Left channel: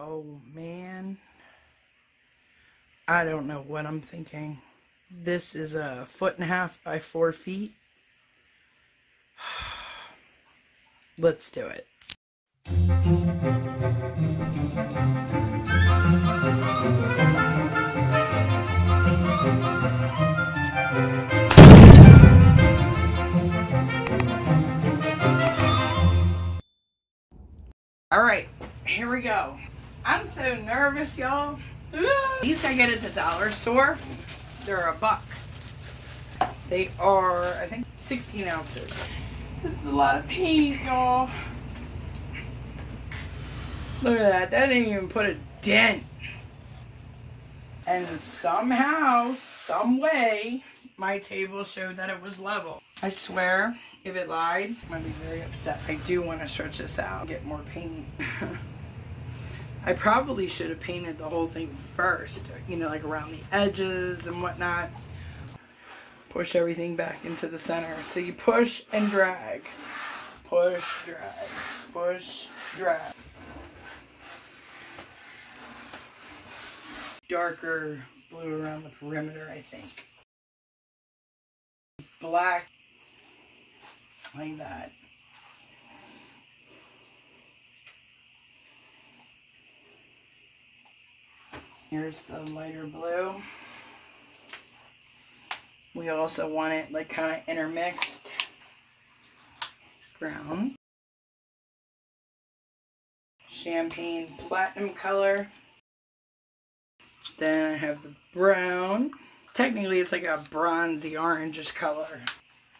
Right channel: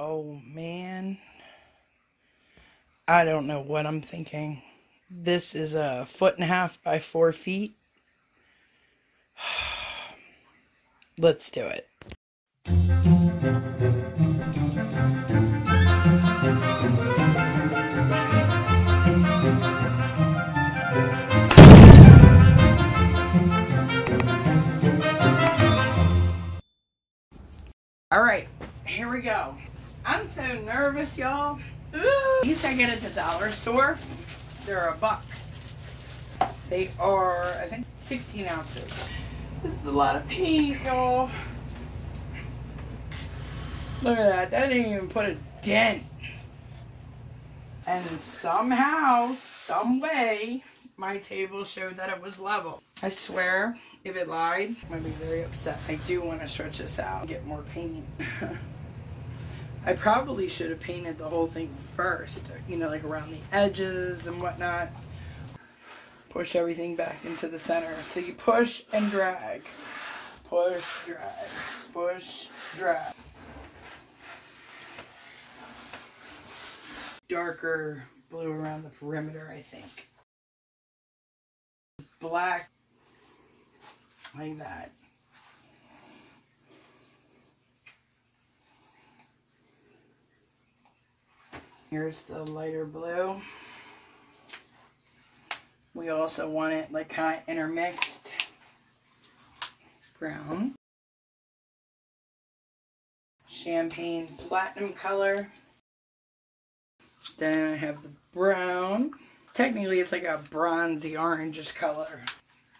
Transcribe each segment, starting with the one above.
Oh man, I don't know what I'm thinking. This is 1.5 feet by 4 feet. Let's do it. Alright, here we go. I'm so nervous, y'all. These I get at the dollar store. They're $1. They are, I think, 16 ounces. This is a lot of paint, y'all. Look at that. That didn't even put a dent. And somehow, some way, my table showed that it was level. I swear, if it lied, I'm going to be very upset. I do want to stretch this out and get more paint. I probably should have painted the whole thing first, you know, like around the edges and whatnot. Push everything back into the center. So you push and drag. Push, drag. Push, drag. Darker blue around the perimeter, I think. Black, like that. Here's the lighter blue. We also want it like kind of intermixed. Brown. Champagne platinum color. Then I have the brown. Technically it's like a bronzy orangish color.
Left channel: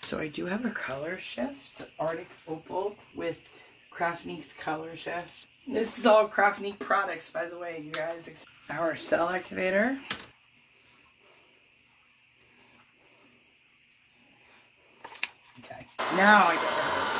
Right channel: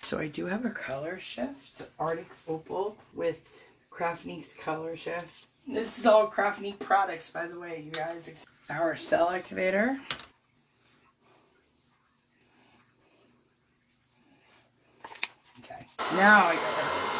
So I do have a Colorshift. It's an Artic Opal with Craftnique's Colorshift. This is all Craftnique products, by the way, you guys. Our cell activator. Okay, now I got her.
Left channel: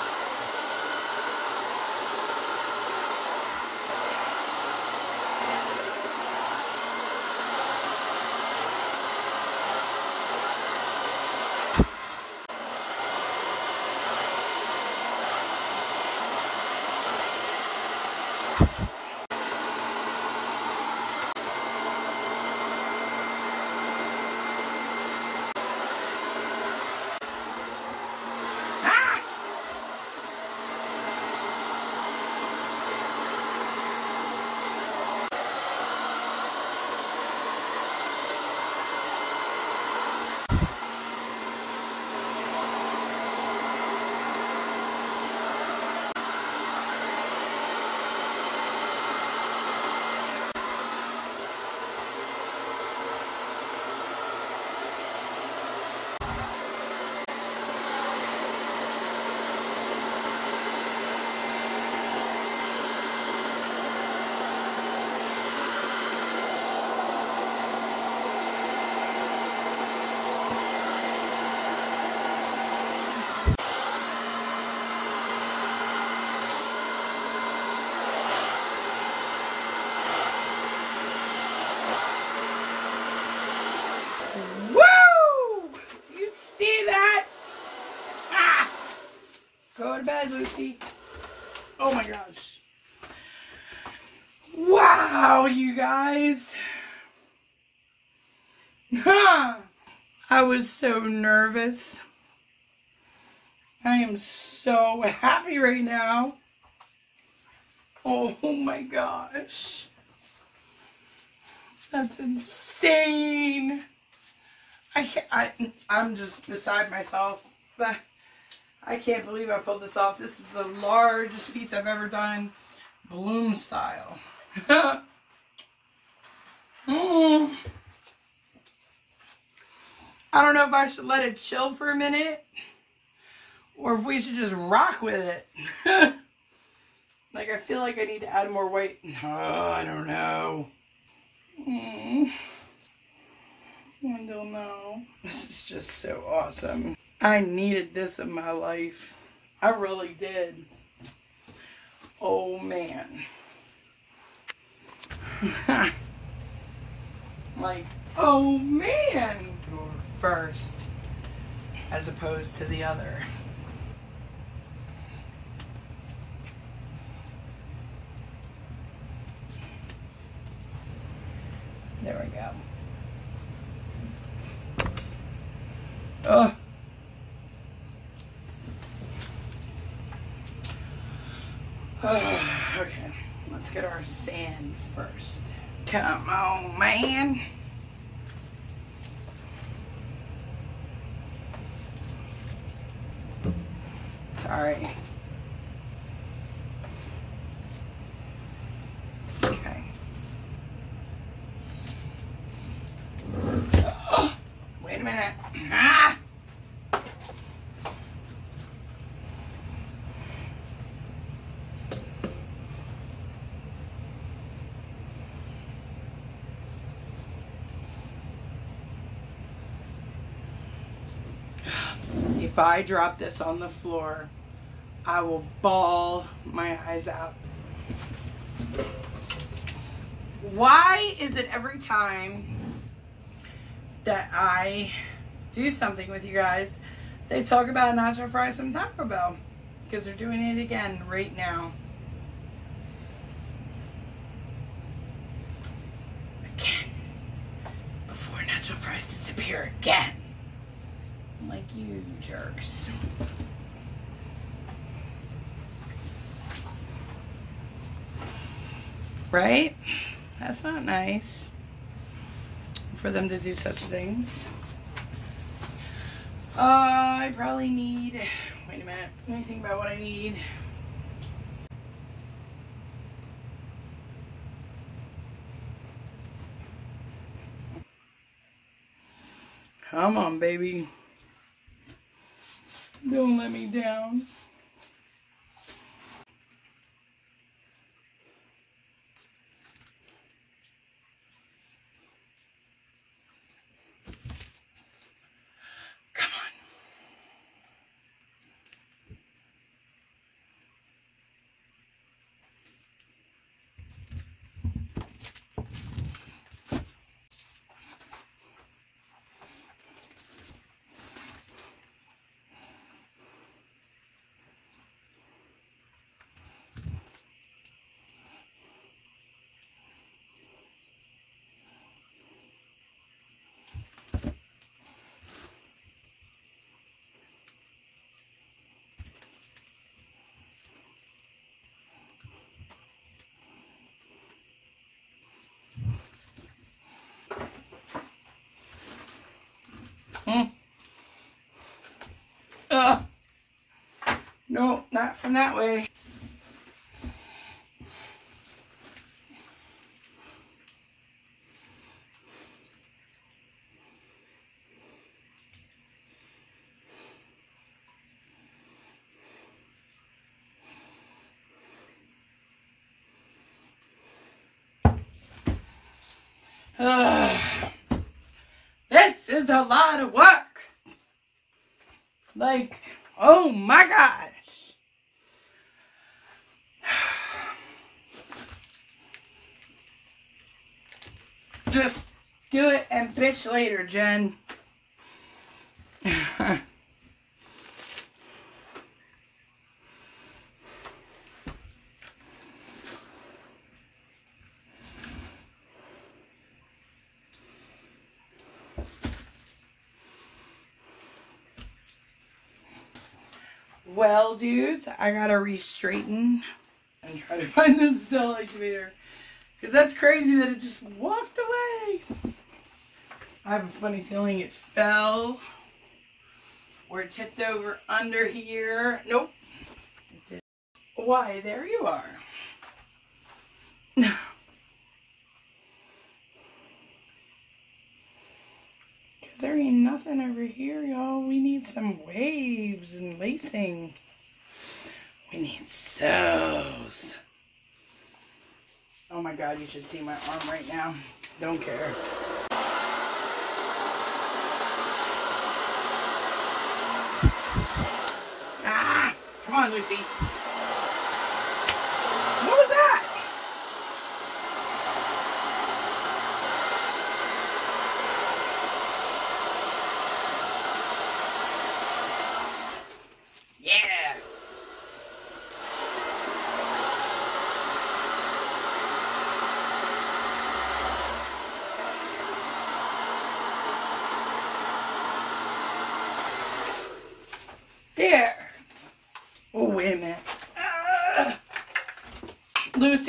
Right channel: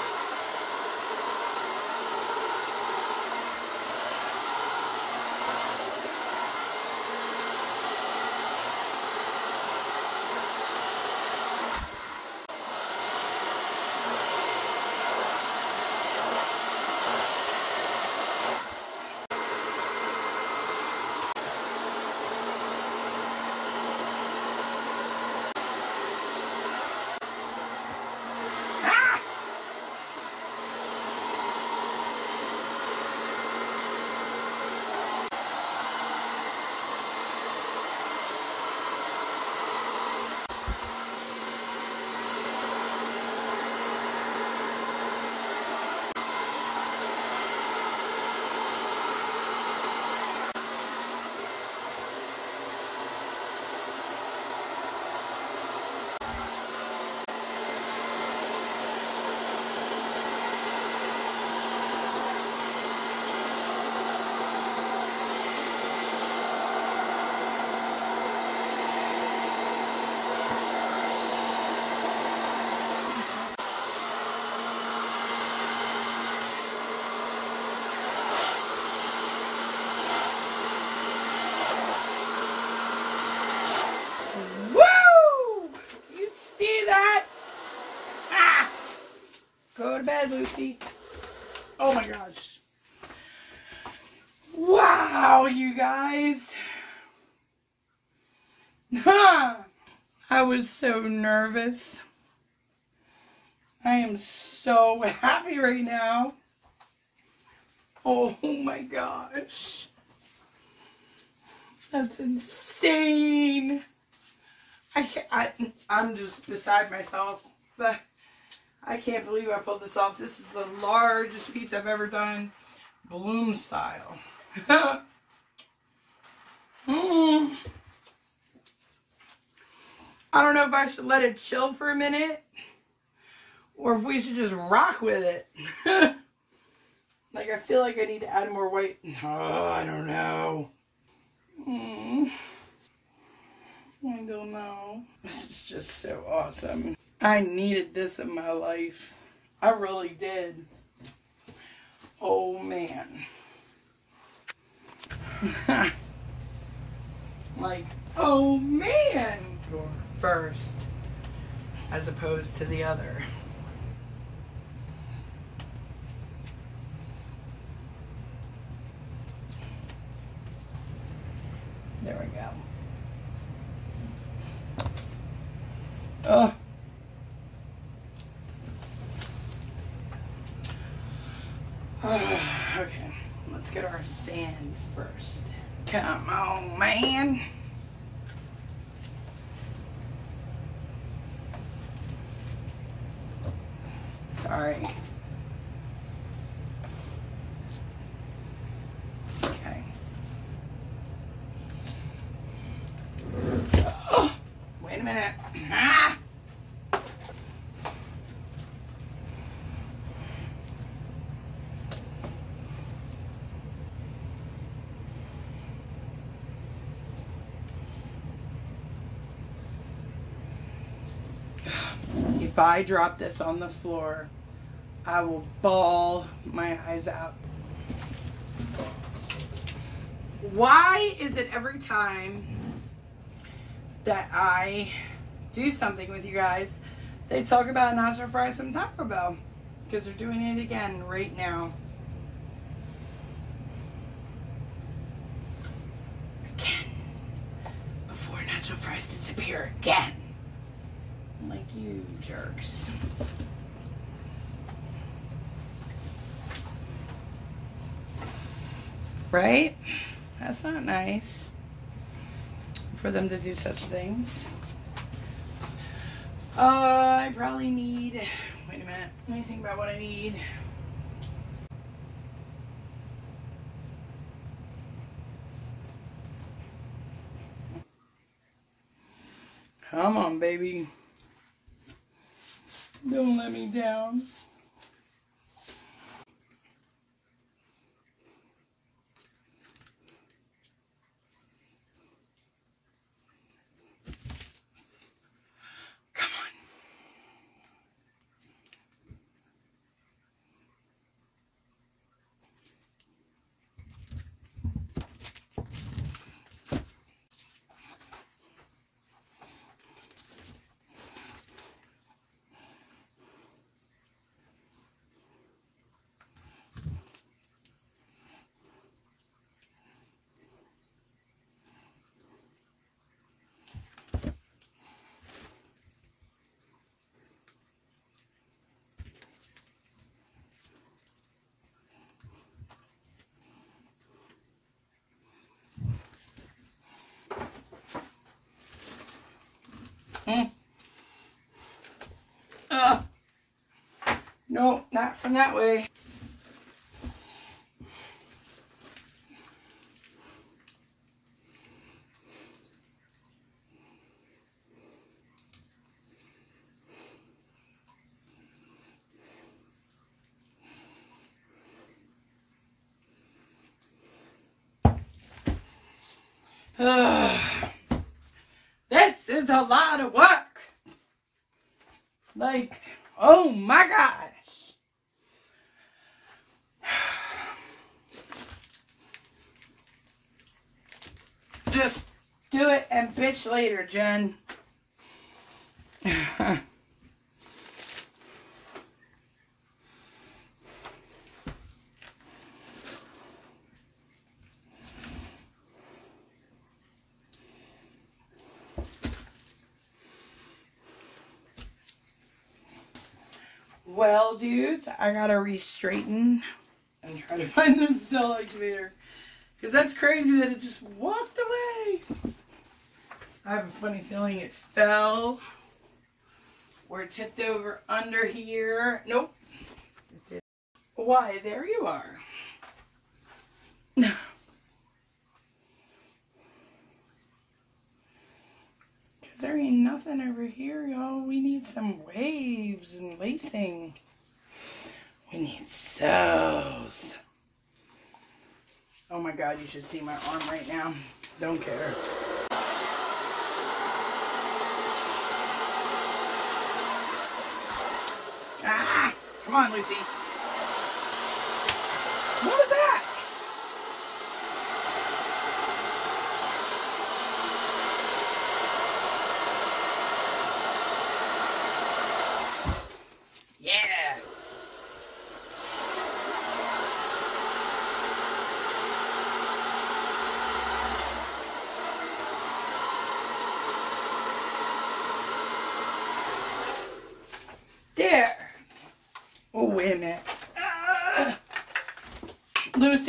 Go to bed, Lucy. Oh my gosh. Wow, you guys. I was so nervous. I am so happy right now. Oh my gosh. That's insane. I'm just beside myself. I can't believe I pulled this off. This is the largest piece I've ever done, bloom style. I don't know if I should let it chill for a minute or if we should just rock with it. Like, I feel like I need to add more white. Oh, I don't know. I don't know. This is just so awesome. I needed this in my life. I really did. Oh, man. Like, oh, man. Go first as opposed to the other. There we go. Oh. Okay, let's get our sand first. Come on, man. Sorry. Okay. Oh, wait a minute. Ah! If I drop this on the floor, I will bawl my eyes out. Why is it every time that I do something with you guys, they talk about nacho fries from Taco Bell? Because they're doing it again right now. Again. Before nacho fries disappear again. Like you jerks. Right? That's not nice for them to do such things. I probably need, wait a minute, let me think about what I need. Come on, baby. Don't let me down. Come No, not from that way. This is a lot of work. Like, oh my gosh. Just do it and bitch later, Jen. Well, dudes, I gotta re-straighten and try to find this cell activator. Because that's crazy that it just walked away. I have a funny feeling it fell. Or it tipped over under here. Nope. It didn't. Why, there you are. Because there ain't nothing over here, y'all. We need some waves and lacing. We need sews. Oh my God, you should see my arm right now. Don't care. Ah! Come on, Lucy. What was that? Yeah!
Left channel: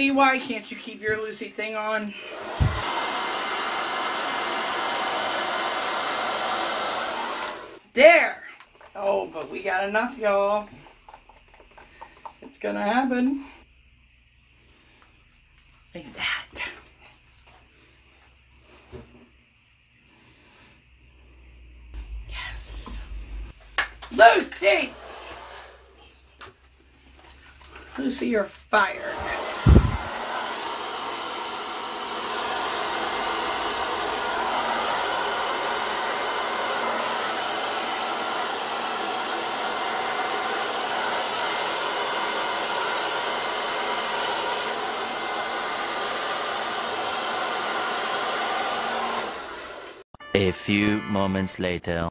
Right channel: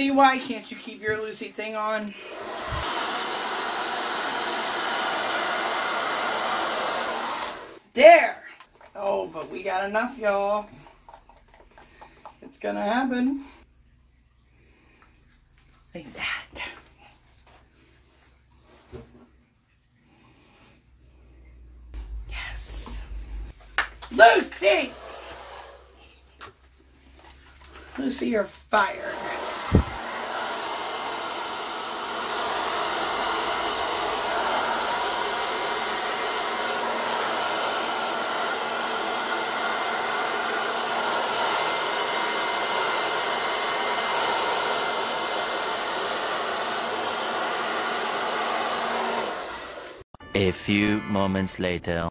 Lucy, why can't you keep your Lucy thing on? There! Oh, but we got enough, y'all. It's gonna happen. Like that. Yes. Lucy! Lucy, you're fired. A few moments later.